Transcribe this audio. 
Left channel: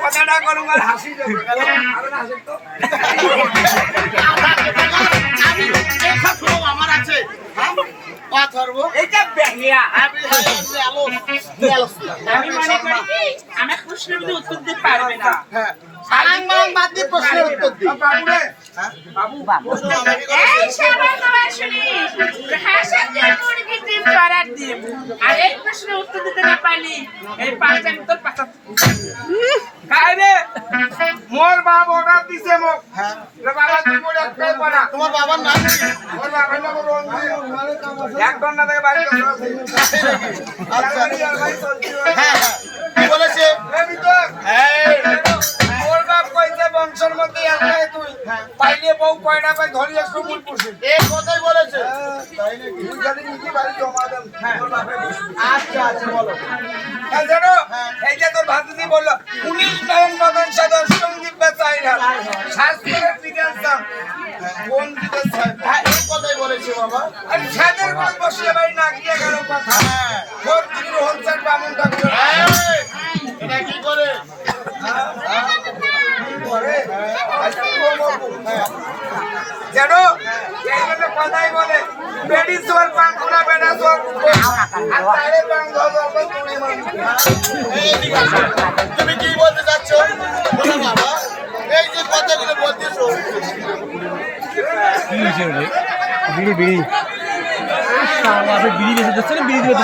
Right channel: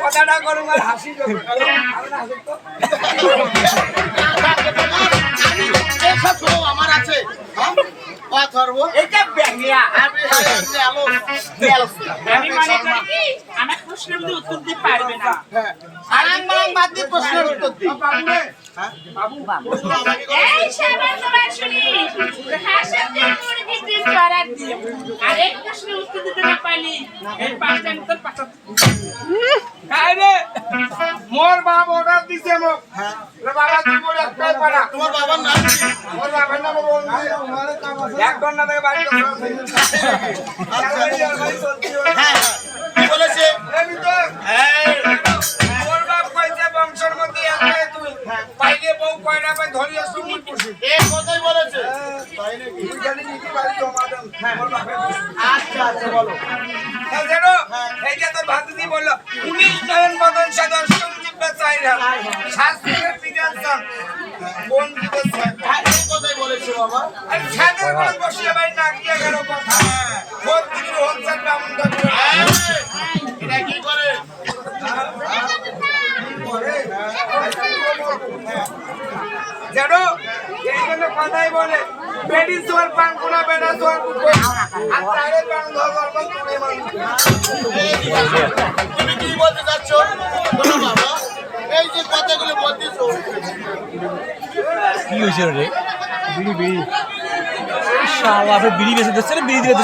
কথাটা করুন আর হাসি দেবো আমার আছে আমার প্রশ্নের উত্তর দিতে পারবে না। এই সবার সবার শুনি হাসার মুরগি ডিম করার ডিম আর এই প্রশ্নের উত্তর দিতে না পারলি এই পাঁচটা আমি তোর পাঁচটা খাই রে মোর বাপ অর্ডার দিছে মোক বাবা তুমি একটাই পারা তোমার বাবার নাম কি? মোর বাবার নাম রঞ্জিত এক ঘন্টা থেকে বাড়ি হ্যাঁ কি বলেছে? আমি তো মোর বাপ কইছে বংশের মধ্যে একটাই তুই পাইলে বউ কয়টা পাই ধরিয়ে সমুল পুষি এই কথাই বলেছে। তাই নাকি তুই জানি নাকি বাড়ি জমা দেন মোর বাপের আচ্ছা আচ্ছা বলো। জানো এই যে তোর ভাতিজি বললো 19 নয়ন বদন সাদর সঙ্গীত চাই না শাস্ত্রের বিজ্ঞান কোন দিকে চাই এই কথাই বলেছে বাবা। আরে ছাদের কোন বসলে ভাই না গিয়ে গেল কথা মোর দিদির হলসাল বামুন থাকবে এটা কি করে? জানো এই জন্য কথাই বলে বেডি সোয়ার পাঙ্কুনা বেডা সোয়ার কুকো আর তারে পাং ধর তুই মানুষ ঠিক আছে। তুমি কি বলতে চাচ্ছ বলো বাবা। এই যে কথাগুলো বলতেছো কি হয়েছে রে? বিড়ি বিড়ি আপনি বিড়ি বেঁচে দিচ্ছেন, বিড়ি দিতে